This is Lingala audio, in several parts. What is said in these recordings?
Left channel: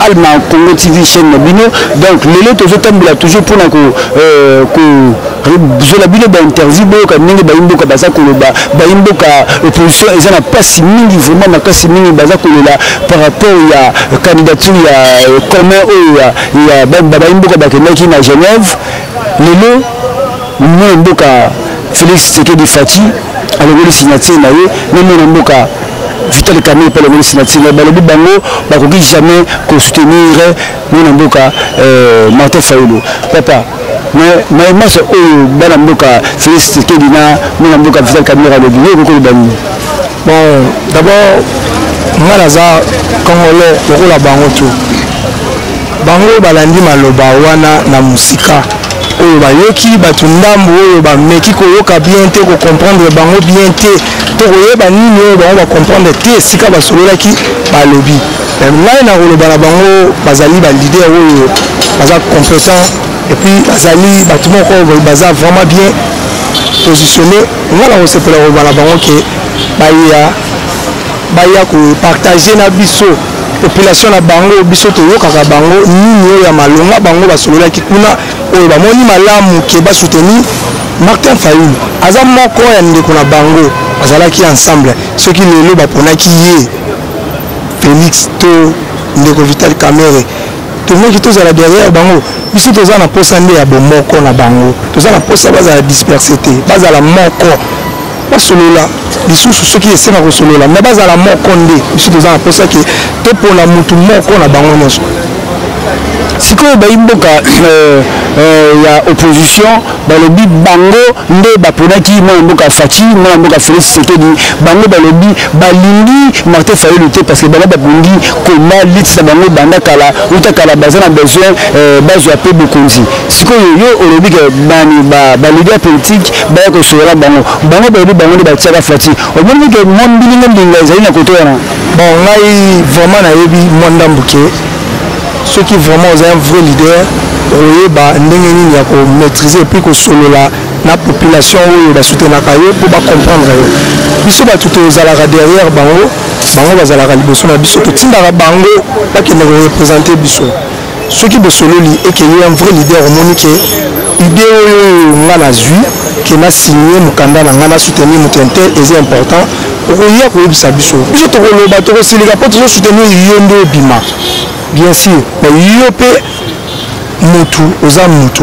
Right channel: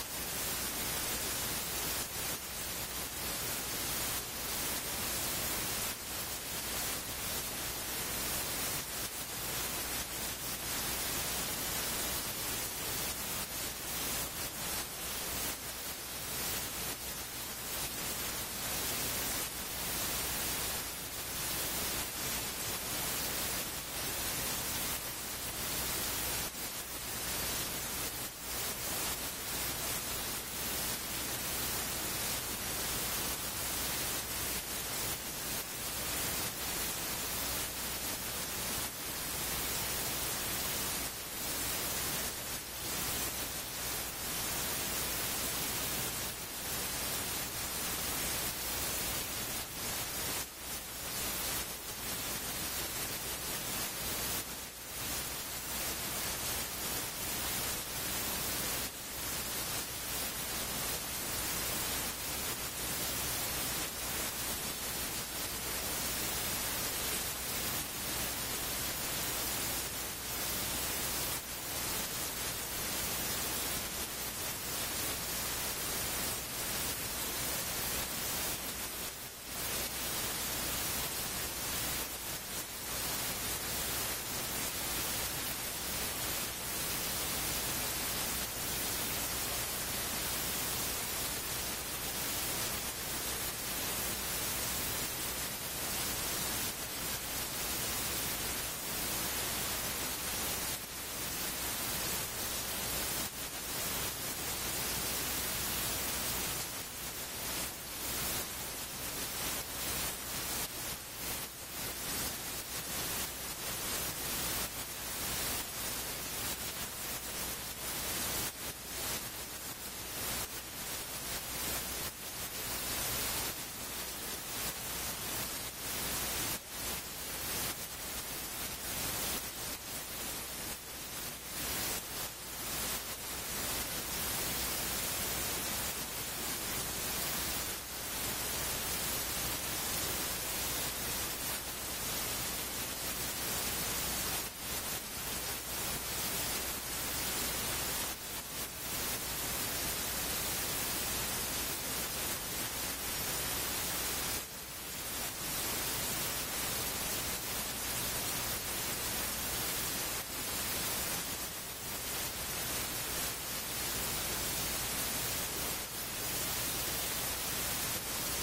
Alma Congo TV chaîne Nabino, donc les lettres sont toujours pour la bino ba interview boka ningi ba imboka baza koloba ba imboka opposition eza na pasi mingi vraiment na kasi mingi baza kolola par rapport ya candidature ya commun ya ba imboka ba kenaki na Genève lelo mo imboka Félix Tshisekedi Fati alongoli signature na ye même mboka Vital Kamerhe pour le signature balobi bango bakoki jamais ko soutenir mon mboka Martin Fayulu papa mais moi c'est bana mboka Félix Tshisekedi na mon mboka Vital Kamerhe le bien ko bani bon d'abord moi naza congolais lokola bango tout bango balandi maloba wana na musika oyo bayoki bato ndambo oyo bameki koyoka bien te ko comprendre bango bien te to koyeba nini oyo bango ba comprendre te esika basololaki balobi ngai na koloba na bango bazali ba leader oyo baza compétent et puis bazali bato moko baza vraiment bien positionné ngai na kosepela koloba na bango ke baya ko partager na biso population na bango biso toyokaka bango nini oyo ya malonga bango basololaki kuna oyo bamoni malamu ke basoutenir Martin Fayulu aza moko ya ndeko na bango azalaki ensemble soki lelo baponaki ye Félix to ndeko Vital Kamerhe tomoki tozala derrière bango biso toza na posa nde ya bomoko na bango toza na posa bazala dispersé te bazala moko basolola lisusu soki esenga kosolola me bazala moko nde biso toza na posa ke topona mutu moko na bango nyonso sikoyo baimboka ya opposition balobi bango nde baponaki mwana mboka Fati mwana mboka Félix Tshisekedi bango balobi balingi Martin Fayulu te parce que bango bapongi koma litisa bango banda kala utakala baza na besoin bazwa pe bokonzi sikoyo yo olobi ke bani ba leader politique baya kosolola bango balobi bango nde batiaka Fati omoni ke mombilinga mbinga ezali na koto wana bon ngai vraiment nayebi mwanda mbuke ceux qui vraiment ont un vrai leader oyeba ndenge nini ya ko maîtriser et puis ko solola na population oyo ba soutenir kayo pour ba comprendre yo biso ba tout ozalaka derrière bango bazalaka liboso na biso tindaka bango ba ke ne représenter biso ceux qui bosololi et que un vrai leader monique idée oyo ngana zui que na signé mukanda na ngana soutenir mutentel est important okoya ko yebisa biso to koloba to kosilika po to soutenir yendo bima bien sûr mais yo pe mutu oza mutu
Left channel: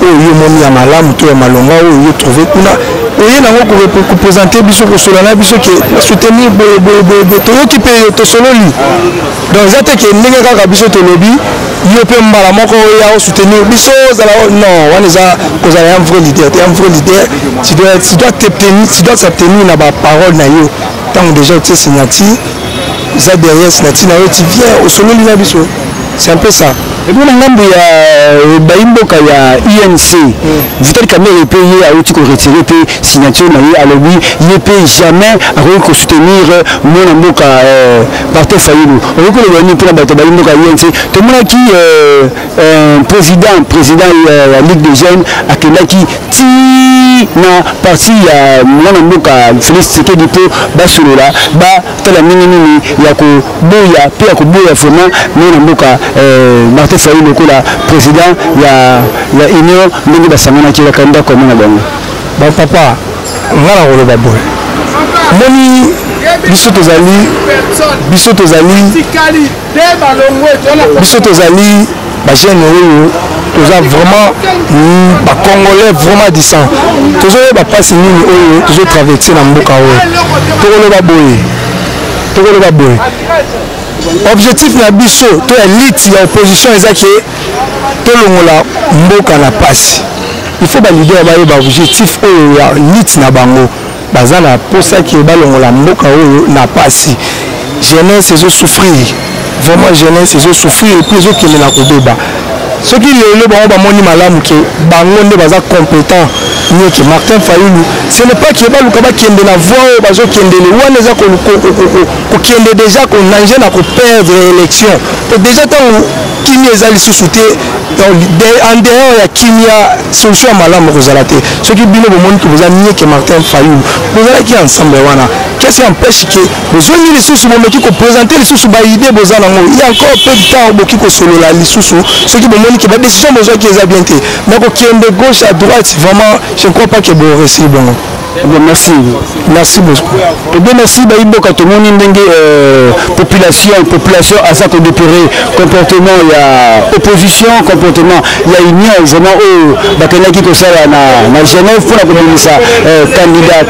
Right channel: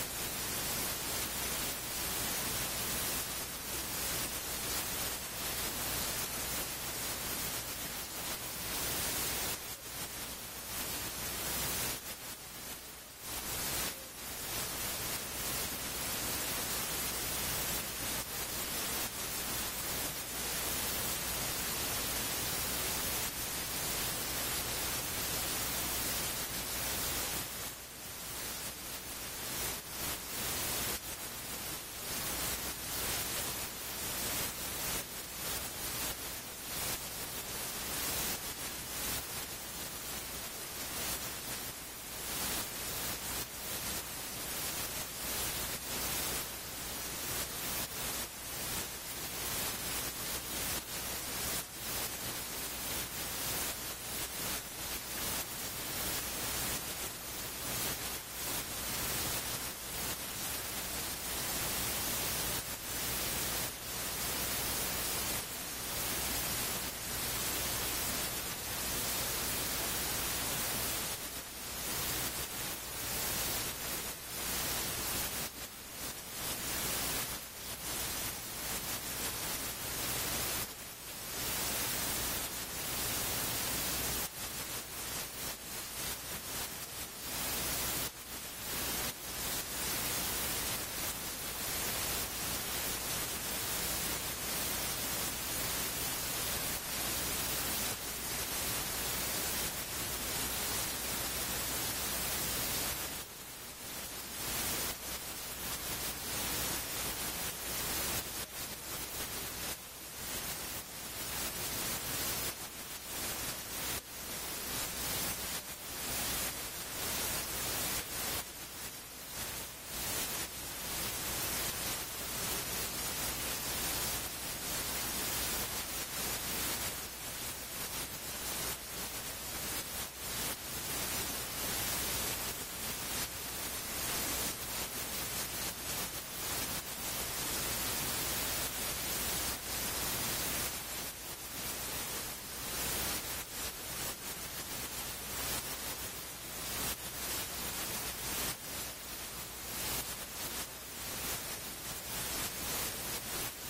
oyo moni ya malamu to ya malonga oyo trouver kuna oyo nango ko présenter biso ko solana biso ke soutenir to yoki pe to sololi donc zate ke ndenge kaka biso to lobi yo pe mbala moko ya soutenir biso zala non wana za ko za un vrai leader tu dois s'abstenir na ba parole na yo tant déjà tu signature ça derrière signature na yo tu viens au sololi na biso c'est un peu ça. Et puis ngambo ya baimboka ya INC Vital Kamerhe payé a outil ko retirer pe signature na ye alobi ye pe jamais a ko soutenir mon mboka Martin Fayulu on ko le bani pour la baimboka INC to mona ki président la Ligue des jeunes akelaki ti na parti ya mon mboka Félix Tshisekedi po basolola ba tala nini ya ko boya pe ya ko boya vraiment mon mboka Martin Fayulu kola président ya union ndenge basangana ki bakanda comme na bango ba papa ngala koloba boy moni biso tozali ba jeune oyo toza vraiment ba congolais vraiment disant tozo ba passe nini oyo tozo traverser na mboka oyo tokoloba boy objectif na biso to élite ya opposition ezaki to longola mboka na pasi. Il faut ba leader ba yeba objectif oyo ya élite na bango bazana posa ki ba longola mboka oyo na pasi. Jeunesse ezo souffrir. Vraiment jeunesse ezo souffrir et puis ezo kende na kodeba. Ce qui lelo bango ba moni malamu ke bango nde baza compétent mieux que Martin Fayulu. Ce n'est pas qu'il va le combat qui est de la voix bazo qui est de l'ouaneza qui est déjà qu'on a na ko perdre l'élection. Déjà tant Kimi ezali sous-souté en dehors ya Kimia solution malamu kozalate. Ce qui bino bo moni que vous a mieux que Martin Fayulu. Vous allez qui ensemble wana. Qu'est-ce qui empêche que vous avez les sous qui ko présenter les sous ba idée bozana ngo. Il y a encore peu de temps boki ko solo la sous ce qui bo moni que ba décision besoin qui est bien té. Mais ko qui est de gauche à droite vraiment je ne crois pas que bon réussir bon. Merci. Merci beaucoup. Bien merci Baïbo quand tout le monde population à ça qu'on déplorer comportement il y a opposition comportement il y a union vraiment au bakena qui ça na Genève pour la communauté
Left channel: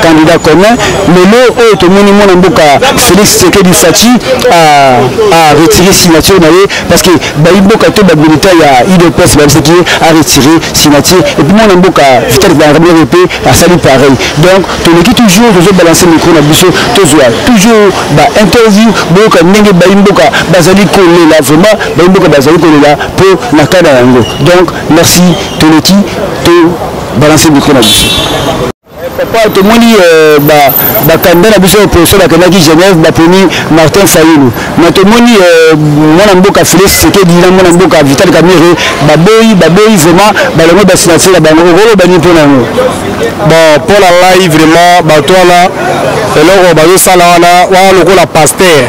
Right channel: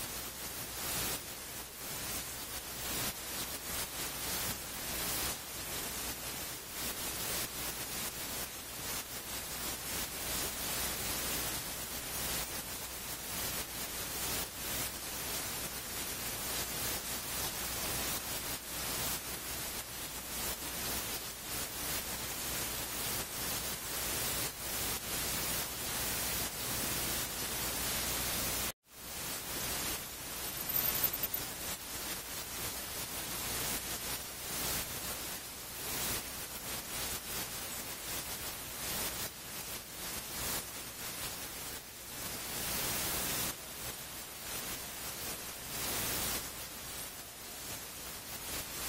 candidat commun mais là tout le monde mboka Félix Tshisekedi Fachi a retiré signature parce que Baïbo quand tout militaire il y a IDPS même qui a retiré signature et puis mon mboka Vital RP a sali pareil. Donc, tu n'es toujours balancer le micro, toujours interview, bazali collé là, vraiment, bazali collé là pour la cadre. Donc, merci, Toneki, de balancer le micro. Papa, tout le monde dit candidat à la opposition de la Genève, Martin Fayulu. Mais tout le monde dit mon amboka Félix Tshisekedi, mon amboka Vital Kamerhe, baboy vraiment, le mot d'assination, bon pour la live vraiment bato là eloko bazosala wana lokola pasteur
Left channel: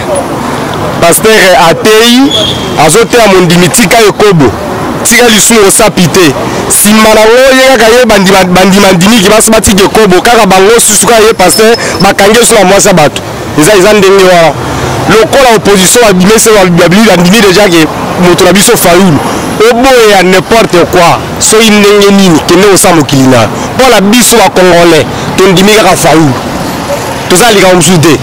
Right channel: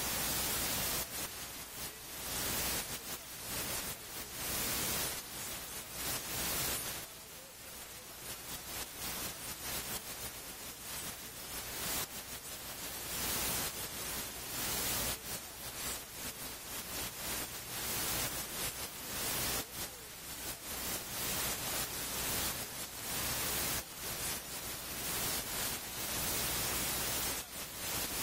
atei azoteya mondimi tika ekobo tika lisumu osapi te nsima nango ye kaka ye bandimandimiki basi batika ekobo kaka bango susu kaka ye pasteur bakangi so na mwasi ya bato eza ndenge wana lokola opposition babimese bandimi deja ke moto na biso Fayulu oboye ya n'importe quoi soki ndenge nini kende osa mokili na mpona biso bakongolais tondimi kaka Fayulu tozala likambo mosusu te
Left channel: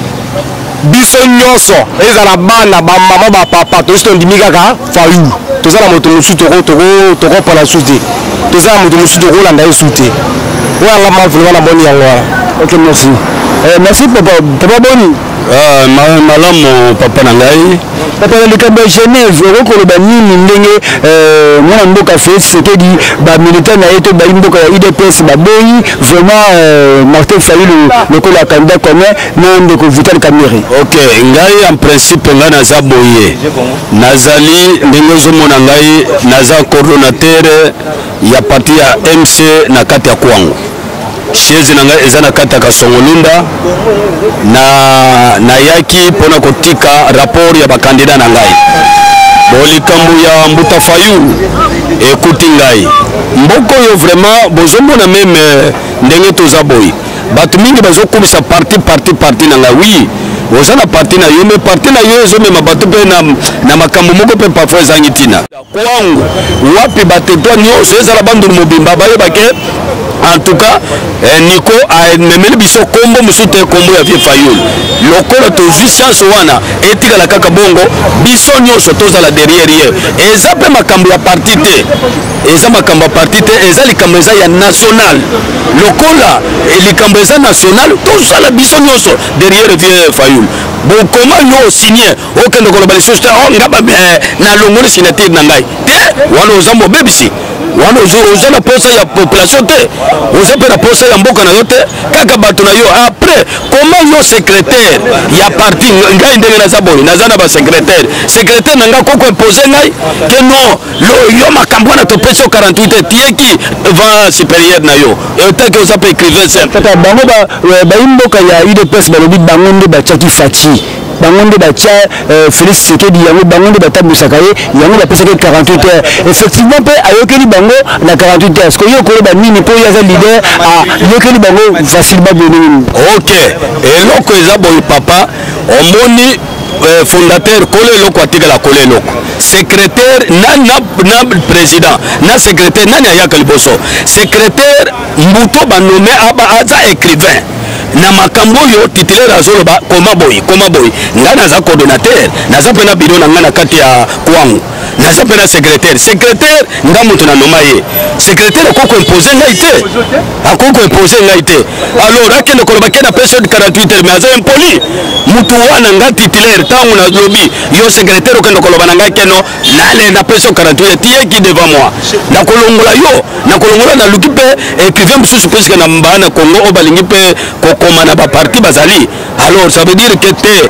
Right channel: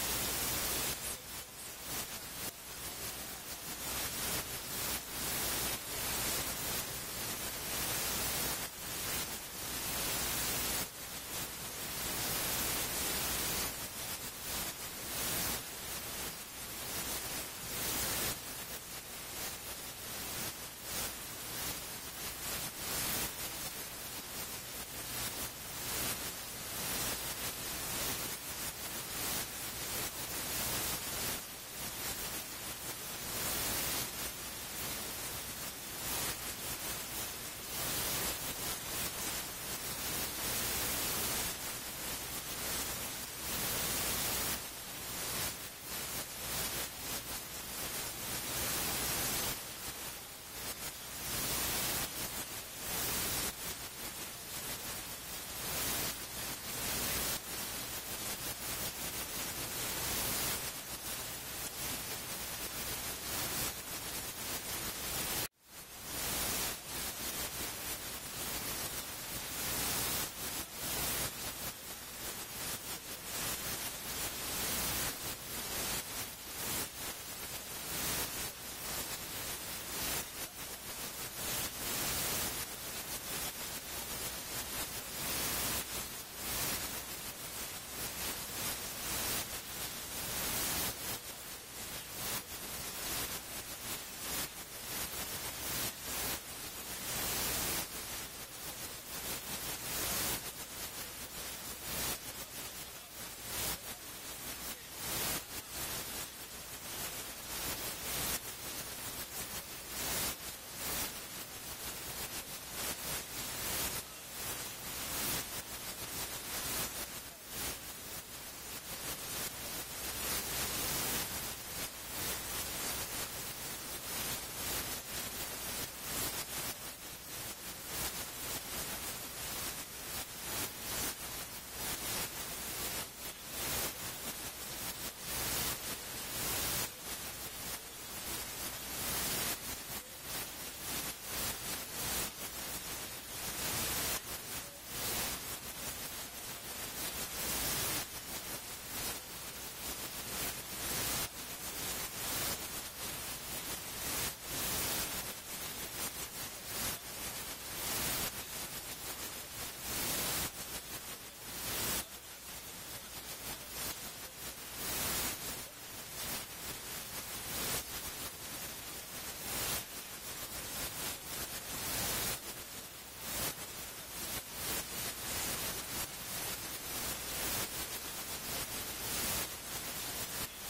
biso nyonso ezala bana bamama bapapa tosi tondimi kaka Fayulu tozala moto mosusu tokopona mosusu te tozala moto mosusu tokolanda ye su te oyanga mavulema na moni yango wana. Ok, merci. Merci papa boni. Malamu papa na ngai papa le camp de Genève ko ba nini ndenge mwana mboka Félix Tshisekedi ba militaire na yeto ba mboka ya IDPS ba boyi vraiment Martin Fayulu le ko la candidat commun na ndeko Vital Kamerhe. OK ngai en principe nga naza boye nazali ndenge zo mona ngai naza coordonnateur ya parti ya MC na kati ya Kwango chaise na ngai eza na kati ya Kasongolunda na yaki pona kotika rapport ya bakandida na ngai bolikambu ya Mbuta Fayulu ekuti ngai mboko yo vraiment bozomona meme ndenge toza boy bato mingi bazokumisa parti na ngai oui ozana parti na yo me parti na yo ezomema bato pe na makambo moko pe parfois ezangi tina kwangu wapi batetwa nyonso ezala bandu mobimba bayebake. En tout cas, Nico a memeli biso kombo musute kombo ya vie Fayulu. Lokola tozu chance wana etika la kaka bongo biso nyonso tozala derrière ye. Eza pe makambo ya parti te. Eza makambo ya parti te, eza likambo eza ya national. Lokola likambo eza national, tozala biso nyonso derrière vie Fayulu. Bon comment yo signé aucun de collaboration ngaba na longoli signature na ngai. Te wana ozambo bebisi. Wana oza na posa ya population te oza pe na posa ya mboka na yo te kaka bato na yo après comment yo secrétaire ya parti ngai ndenge naza boye naza na ba secrétaire na ngai koko imposé ngai que non yo makambo na topesi 48 tieki vent supérieur na yo et tant que oza pe écrivain simple tata bango ba imboka ya UDPS balobi bango nde bachaki Fachi bangonde batia Félix Tshisekedi yango bangonde batabusaka ye yango bapesaki 48 heures effectivement pe ayokeli bango na 48 heures ko yokolo ba nini po yaza leader yokeli bango facilement bonini. OK eloko eza boy papa omoni fondateur kole eloko atikala kole eloko secrétaire na président na secrétaire nani ayaka liboso secrétaire mbuto ba nommé aba aza écrivain na makambo yo titulaire azoloba koma boy nga naza coordonnateur naza pena biro na nga na kati ya kwangu naza pena secrétaire nga mutu na noma ye secrétaire akoko imposer ngai te alors akende koloba kena période de 48 heures mais aza impoli mutu wana nga titulaire tangu na lobi yo secrétaire okende koloba na ngai keno nale na période 48 heures tie qui devant moi na kolongola na luki pe écrivain mususu puisque na mbana Congo obalingi pe kokoma na ba parti bazali alors ça veut dire que te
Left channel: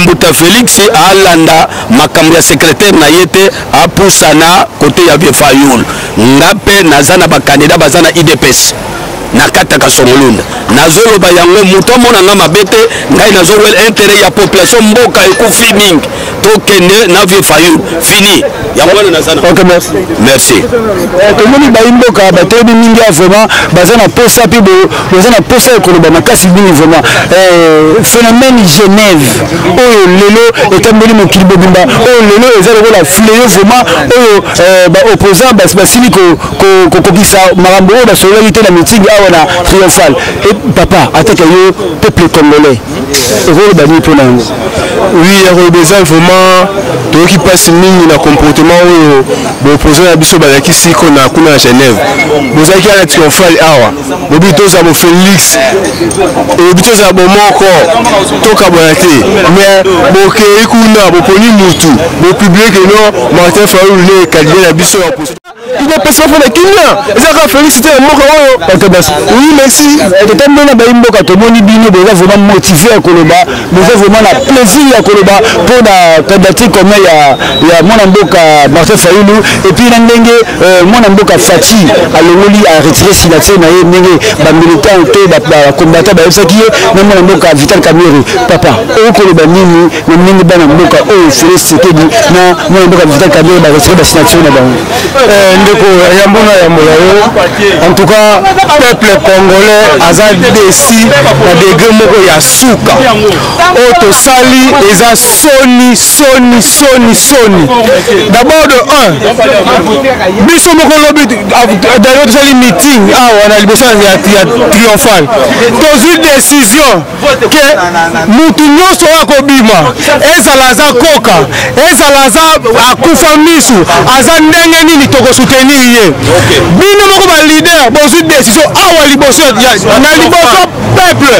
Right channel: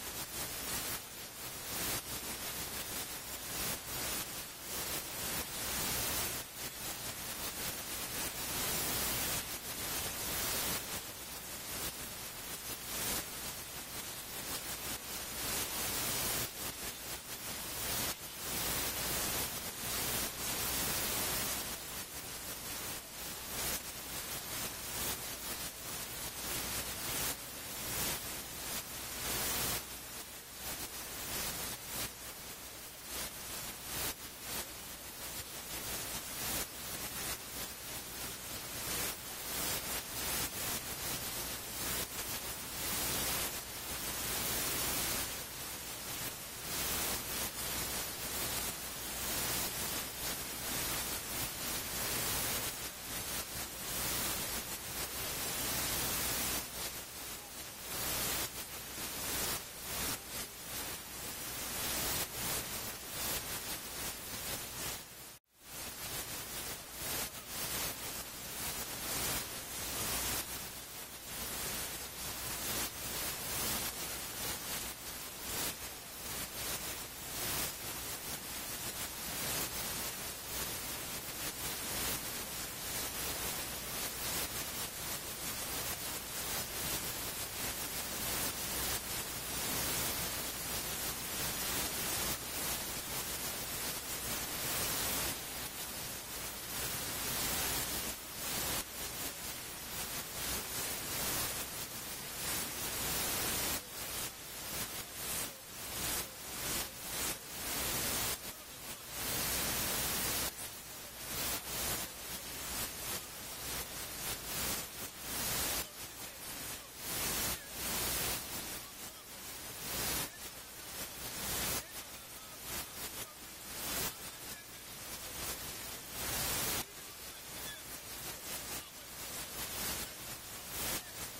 Mbuta Félix alanda makambo ya secrétaire na yete apusana côté ya Vieux Fayoul ngape nazana ba candidat bazana IDPS na kataka Songolunda nazoloba yango muto mona nga mabete ngai nazowel intérêt ya population mboka ekufi mingi tokende na Vieux Fayoul fini yango nazana. OK, merci. Tomoni ba imboka ba tebi mingi vraiment bazana posa pi bazana posa ekoloba makasi mingi vraiment phénomène Genève oyo lelo etambeli mokili bobimba oyo lelo ezalo la fléau vraiment oyo ba opposant basili ko kokisa marambo oyo basololi te na meeting awa na triomphal et papa attaque yo peuple congolais ezalo bani pona yango. Oui, il vraiment tout qui passe mingi na comportement oyo opposant ya biso bazaki siko na kuna Genève bozaki ala triomphal awa bobito za bo Félix et bito za bo moko toka bonate mais boke ikuna bo poni mutu bo public no Martin Fayoul le candidat ya biso ya poste il est pas fait la Kenya ezaka féliciter moko oyo. Oui, merci. Totembe na baimboka tomoni bino boza vraiment motivé à koloba boza vraiment na plaisir à koloba pour la candidature comme ya mwana mboka Martin Fayoul et puis ndenge mwana mboka Fati alongoli a retirer signature na ye ndenge ba militant te ba combattant ba yosaki na mwana mboka Vital Kamerhe papa o koloba nini na ndenge bana mboka o Félix Tshisekedi na mwana mboka Vital Kamerhe ba retirer ba signature na bango ndeko yambona ya molayo en tout cas peuple congolais aza desi na degré moko ya suka oto sali eza soni d'abord de 1 biso moko lobi d'ailleurs tosali meeting awa na liboso ya triomphal tozwi décision ke mutu nyonso oyo akobima ezala aza koka ezala aza akufa misu aza ndenge nini tokosoutenir ye bino moko ba leader bozwi décision awa liboso na liboso peuple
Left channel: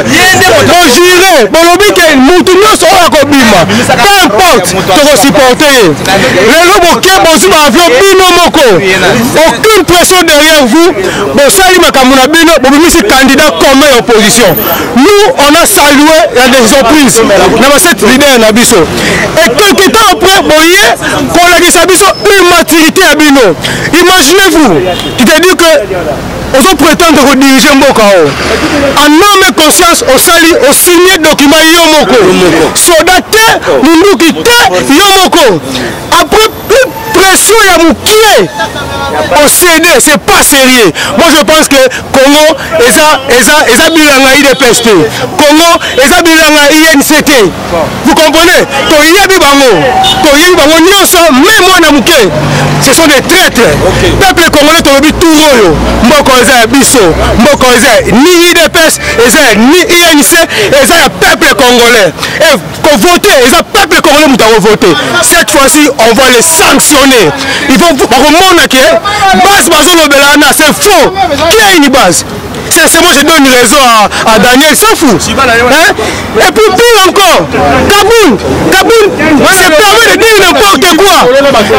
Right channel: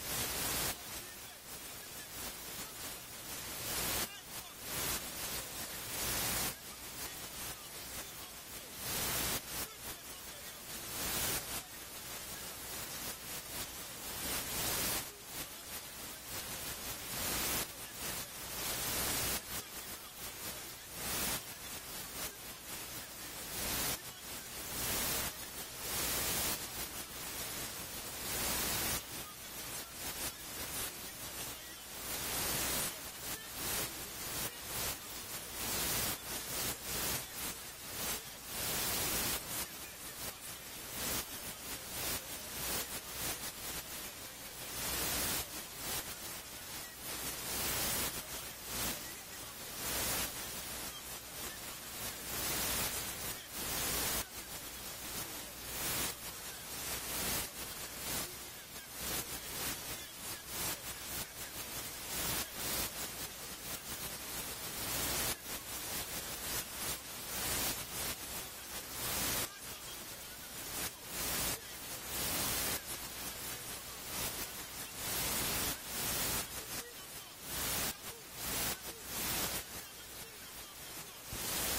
bojure bolobi ke mutu nyonso oyo akobima peu importe tokosupporte ye lelo boke bozwi ba avion bino moko aucune pression derrière vous bosali makambo na bino bobimisi candidat commun ya opposition nous on a salué la décision prise na ba cette leader na biso et quelque temps après boye kolakisa biso immaturité ya bino. Imaginez-vous qui te dit que on prétendre rediriger Mboka en nom et conscience au sali au signé document Yomoko soldate Munduki te Yomoko après pression ya Moukie au CD, c'est pas sérieux. Moi je pense que Congo eza bilanga IDPS Congo eza bilanga INCT. Vous comprenez? To yebi bango nyonso même moi na Mouké. Ce sont des traîtres. Peuple congolais tolobi touroyo. Mboko eza biso, mboko eza ni IDPS, eza ni INC, eza ya peuple congolais. Et qu'on vote, eza peuple congolais muta voter. Cette fois-ci, on va les sanctionner. Ils vont remonter base bazolobelana, c'est faux. Qui a une base? C'est moi je donne raison à Daniel, s'en fout. Hein? Et puis pire encore, Kaboul se permet de dire n'importe quoi.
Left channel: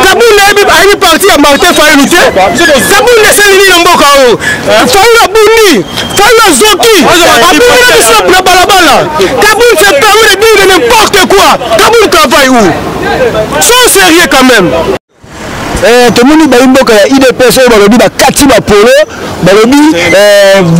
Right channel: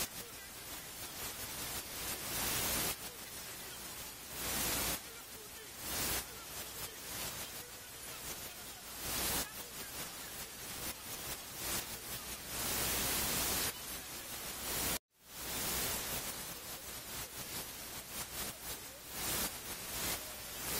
Kaboul a une partie à Martin Fayoul. Kaboul ne sait ni n'importe quoi. Fayoul a Bouni, Fayoul a Zoki, a Balabala. Kaboul se permet de dire n'importe quoi. Kaboul travaille où? Sois sérieux quand même. Tomoni baimboka ya IDPS oyo balobi bakati bapolo balobi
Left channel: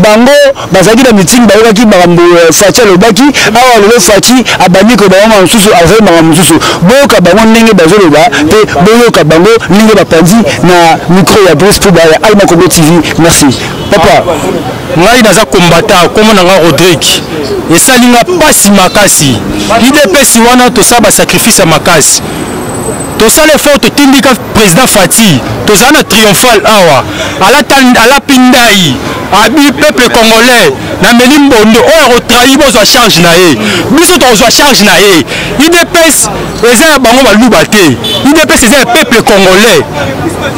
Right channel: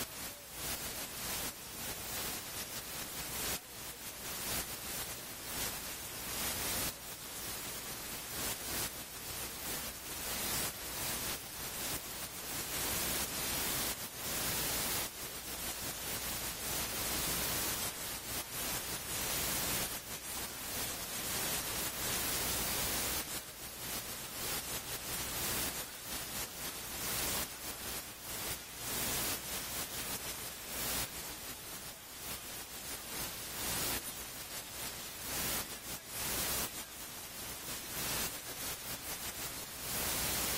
bango bazaki na meeting bayokaki makambo Fati alobaki awa lelo Fati abandi ko bango mosusu azali makambo mosusu boyoka bango ndenge bazoloba pe boyoka bango ndenge bapanzi na micro ya Brice Pouba ya Alma Congo TV. Merci papa. Ngai naza kombata komo na nga Rodrigue esalinga pasi makasi IDPS wana tosaba sacrifice makasi. Tout ça les fautes tindika président Fati, tout ça na triomphal awa, à la Pindai, abi peuple congolais na meli mbondo oyo trahi bozwa charge na ye biso tozwa charge na ye IDPS eza bango baluba te IDPS eza peuple congolais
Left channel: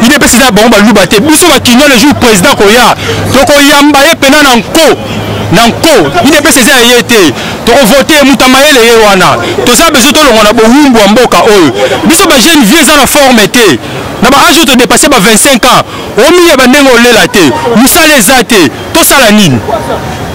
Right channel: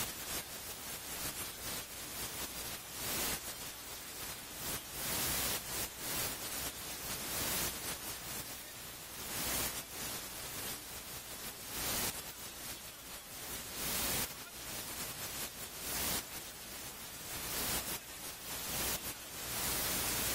IDPS eza bango baluba te biso bakinyo le jour président koya tokoyamba ye pena na nko IDPS eza ye te tokovote mutamayele ye wana toza besoin tolonga na bowumbu ya mboka oyo biso ba jeune vieux eza na forme te na ba âge to dépasser ba 25 ans omiye bandenge olela te musala eza te tosala nini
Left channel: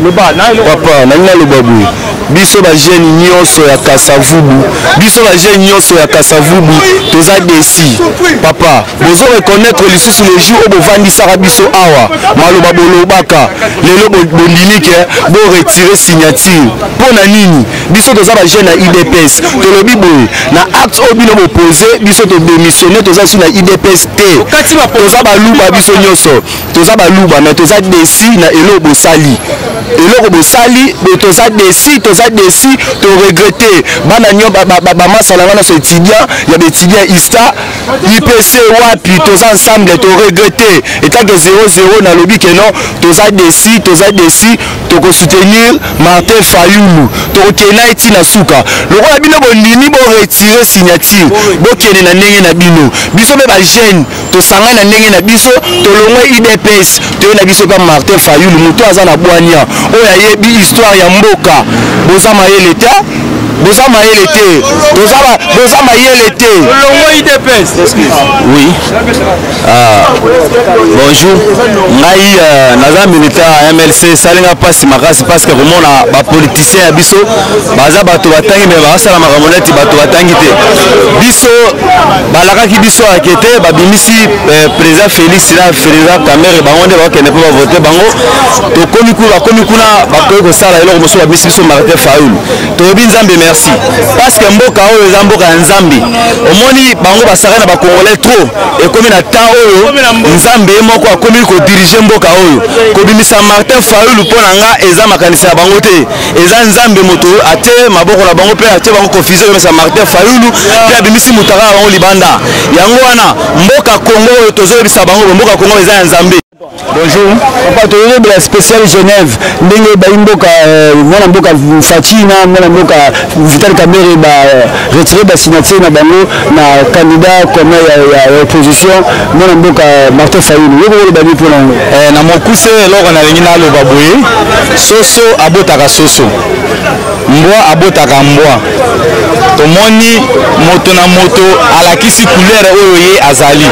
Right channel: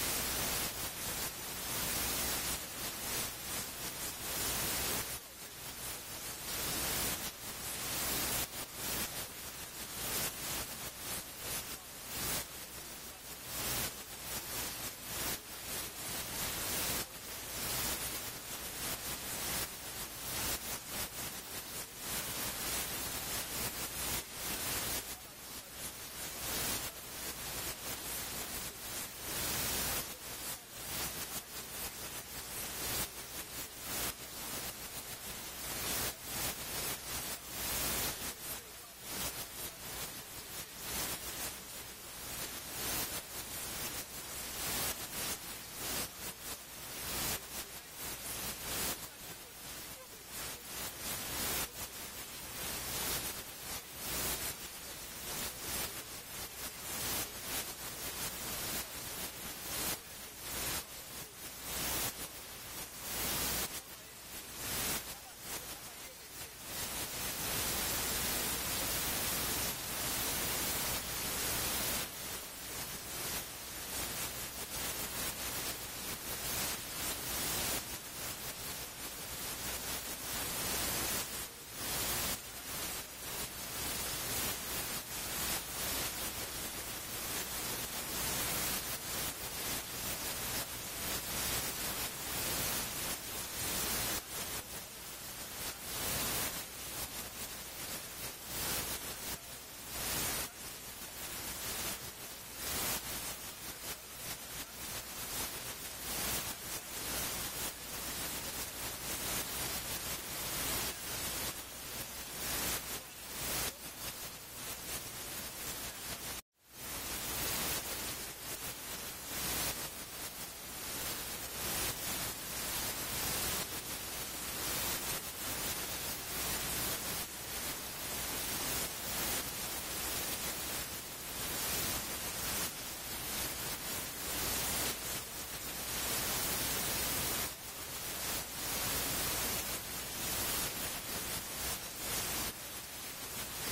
papa nanga lobabu biso ba jeune nyonso ya Kasavubu biso ba jeune nyonso ya Kasavubu toza desi papa bozo reconnaître lisusu le jour au bovandisaka biso awa maloba bolobaka lelo bondinike bo retirer signature pona nini biso toza ba jeune na IDPS tolobi boye na acte obino opposé biso to démissionner toza sur na IDPS te toza baluba biso nyonso toza baluba mais toza desi na elo bosali eloko bosali toza desi to regretter bana nyo ba masala wana so étudiant ya étudiant ISTA IPC wapi toza ensemble to regretter état que 0-0 na lobby que non toza desi to ko soutenir Martin Fayulu to kena iti na suka lokola bino bondini bo retirer signature bo kene na ndenge na bino biso be ba jeune to sanga na ndenge na biso to longwe IDPS to na biso ka Martin Fayulu muto aza na bwania oya yebi histoire ya mboka boza mayele te boza mayele te oui bonjour ngai naza militaire MLC salinga pasi makasi parce que remona ba politicien ya biso baza bato batangi mais basala makamoneti bato batangi te biso balakaki biso akete babimisi président Félix na président Kamere bango nde bakende po voter bango to komi kuna bakoyi kosala eloko mosusu babimisi biso Martin Fayulu toyebi nzambe merci parce que mboka oyo eza mboka ya nzambe omoni bango basaka na bakongolais trop ekomi na temps oyo nzambe moko akomi kodirige mboka oyo kobimisa Martin Fayulu mpo na nga eza makanisa ya bango te eza nzambe moto ate maboko na bango mpe ate bango confusion komesa Martin Fayulu mpe abimisi mutaka ya bango libanda yango wana mboka Congo oyo tozoyebisa bango mboka Congo eza ya nzambe. Bonjour, papa toyebe la spéciale Genève ndenge baimboka mwana mboka Fatina mwana mboka Vital Kamerhe ba retirer ba signature na bango na candidat comme ya opposition mwana mboka Martin Fayulu yoko ba ni pona na mokuse eloko na lengi na loba boye soso abotaka soso mbwa abotaka mbwa tomoni moto na moto alakisi couleur oyo ye azali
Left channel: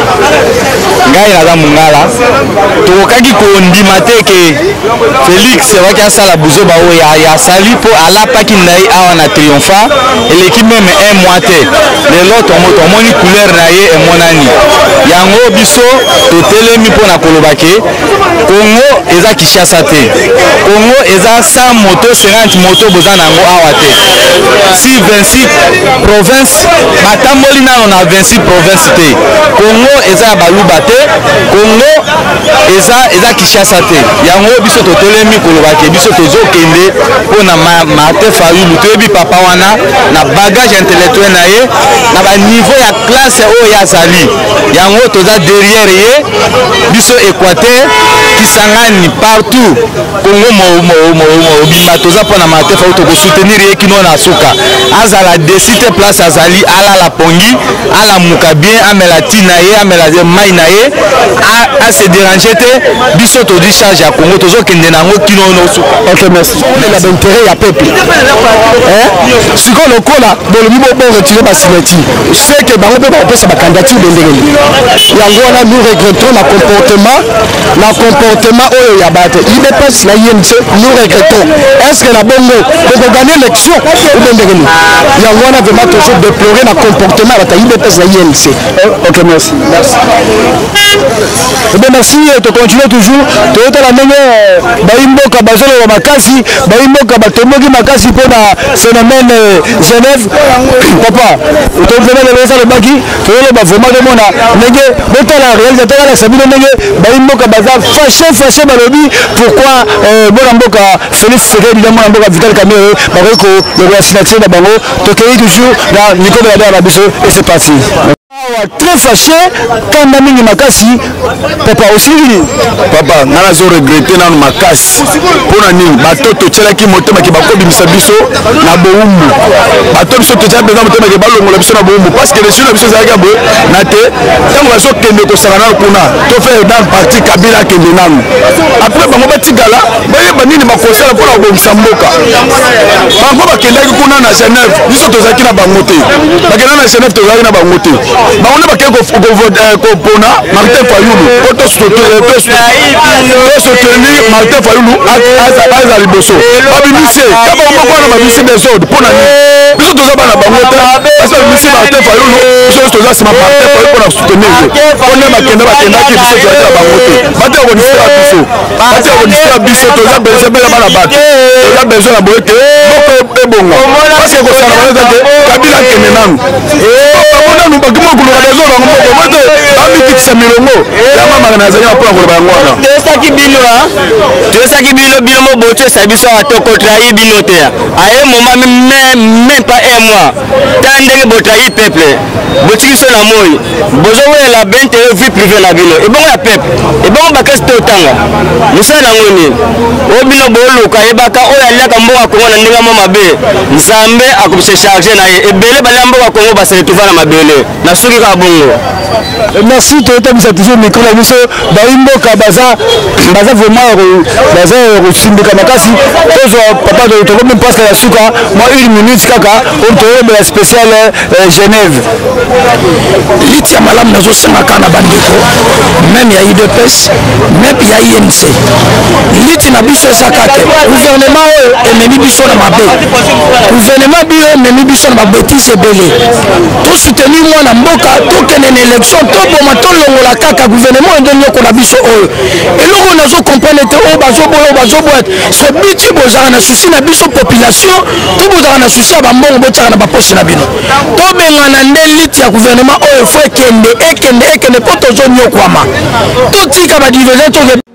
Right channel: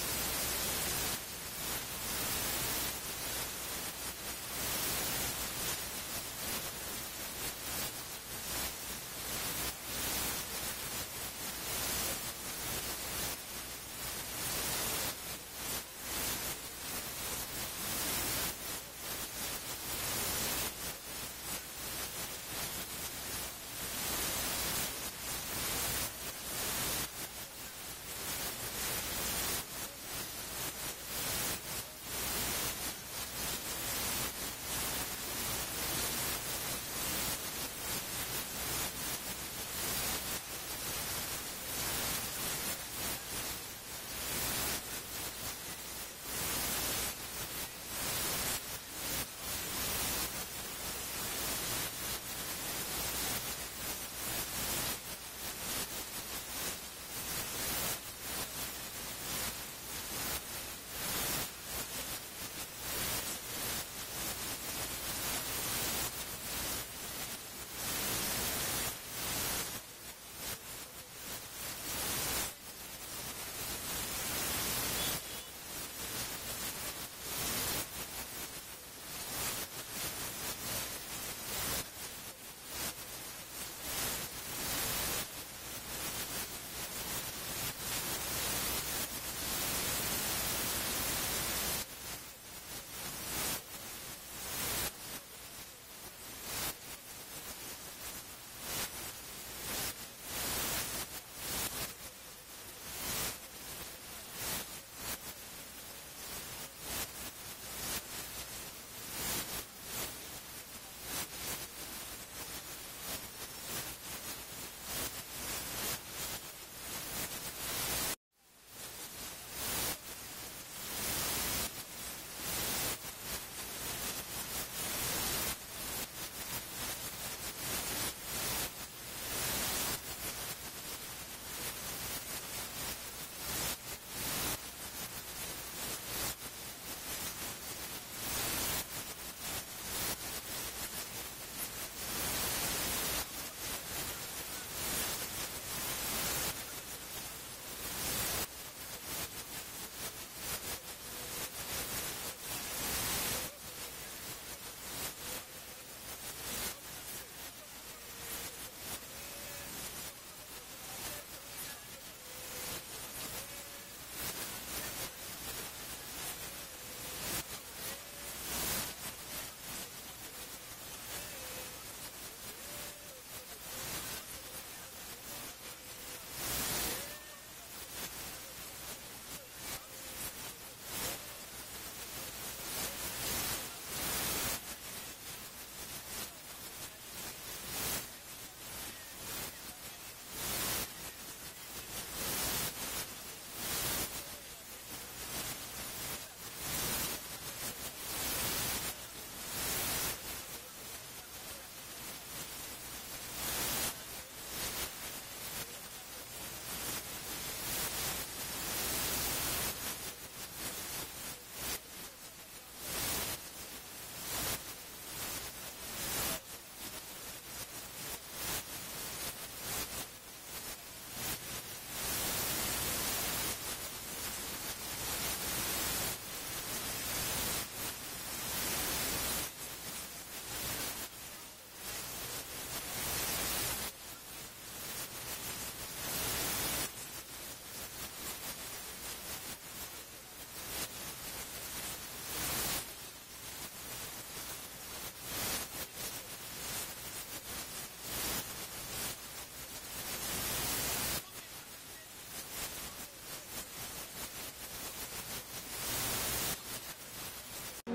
ngai naza mungala tokokaki kondima te ke Félix waki asala buzoba oyo ya asali mpo alapaki na ye awa na Triomphant eleki meme un mois te lelo tomoni couleur na ye emonani yango biso totelemi mpo na koloba ke Congo eza Kinshasa te Congo eza 100 moto 50 moto boza nango awa te si 26 province batamboli nano na 26 province te Congo eza baluba te Congo eza Kinshasa te yango biso totelemi koloba ke biso tozokende mpo na Martin Fayulu toyebi papa wana na bagage intellectuel na ye na ba niveau ya classe oyo yazali yango toza derrière ye biso Équateur Kisangani partout Congo bima toza pona Martin Fayulu toko soutenir ye kino na suka azala desite place azali ala la pongi ala muka bien amela tina ye amela mai na ye a se déranger te biso to di charge ya Congo tozo kende nango kino no suka. OK merci la d'intérêt ya peuple siko lokola bolobi bo retirer ba signature c'est que bango pe ba pesa ba candidature bendele yango wana nous regrettons la comportement oyo ya bate IDPS na INC nous regrettons est-ce que la bongo pour gagner l'élection ou bendele yango wana vraiment toujours déplorer la comportement ya IDPS na INC. OK merci bien merci to continuer toujours to la ndenge baimboka bazolo wa makasi baimboka batomboki makasi pour na phénomène Genève papa to vraiment le ça le baki to le ba vraiment de mona ndenge botala réalisateur la sabino ndenge baimboka baza fâché balobi pourquoi bona mboka Félix Tshisekedi na mona mboka Vital Kamerhe bareko le signature na bango to kei toujours na Nicolas Biso et c'est parti. très fâché quand Namingi Makasi papa aussi papa nana zo regretter nanu makasi pona nini batoto tchelaki motema ki bakobimisa biso na boumbu bato biso tchelaki besoin motema ki balongola biso na boumbu parce que les jeunes biso zalaka bo na te tango baso kende ko sangana kuna to faire dans partie Kabila kende nanu après bango batigala bayeba nini bakosala pona kobimisa mboka bango bakendaki kuna na Genève biso tozaki na bango te bakenda na Genève tozaki na bango te bango ne bakeko ko pona Martin Fayulu auto soutenir Martin Fayulu à liboso babimise kaba moko na babisi des ordres pona ni biso tozaba na bango te parce que babisi Martin Fayulu biso toza sima Martin Fayulu pona soutenir pona bakenda ki biso tozaki na bango te bate ko nisera biso toza besoin bela bana bato toza besoin na boye te moko ebonga parce que ko sala bana te Kabila kene nanu bamona nu bakimo kuluka des ordres ngoko moto bamikitisa milongo yama magana zanya pona ko bango wana tosaki bino bino moboto sabiso atoko trahi bino te aye moment même pas un mois tant ndenge botrahi peuple botiki so na moi bozo wela bente vie privée na bino e bongo ya peuple e bongo bakasi to tanga musala ngoni o bino boluka yebaka o ya laka mboka Kongo na ndinga mabe nzambe akubise charger na ye ebele balambo ka Kongo basele tuvana mabele na suki ka bongo. Merci Toyota Misatizo micro la biso baimboka baza vraiment baza simbika makasi tozo papa de to même presque la suka moi 1 minute kaka on toyebe la spéciale Genève litia malam nazo senga kana bandeko même ya IDPS même ya INC liti na biso sakate gouvernement ememi biso na mabe gouvernement bio ememi biso na mabetise belé to soutenir moi na mboka to kenene élection to boma to longola kaka gouvernement ndonyo ko na biso oyo eloko nazo comprendre te o bazo boîte so biti bozana na souci na biso population to bozana na souci ba mbongo botaka na ba poche na bino to bengana nde liti ya gouvernement oyo faut ekende poto zo nyokwama to tika ba divergence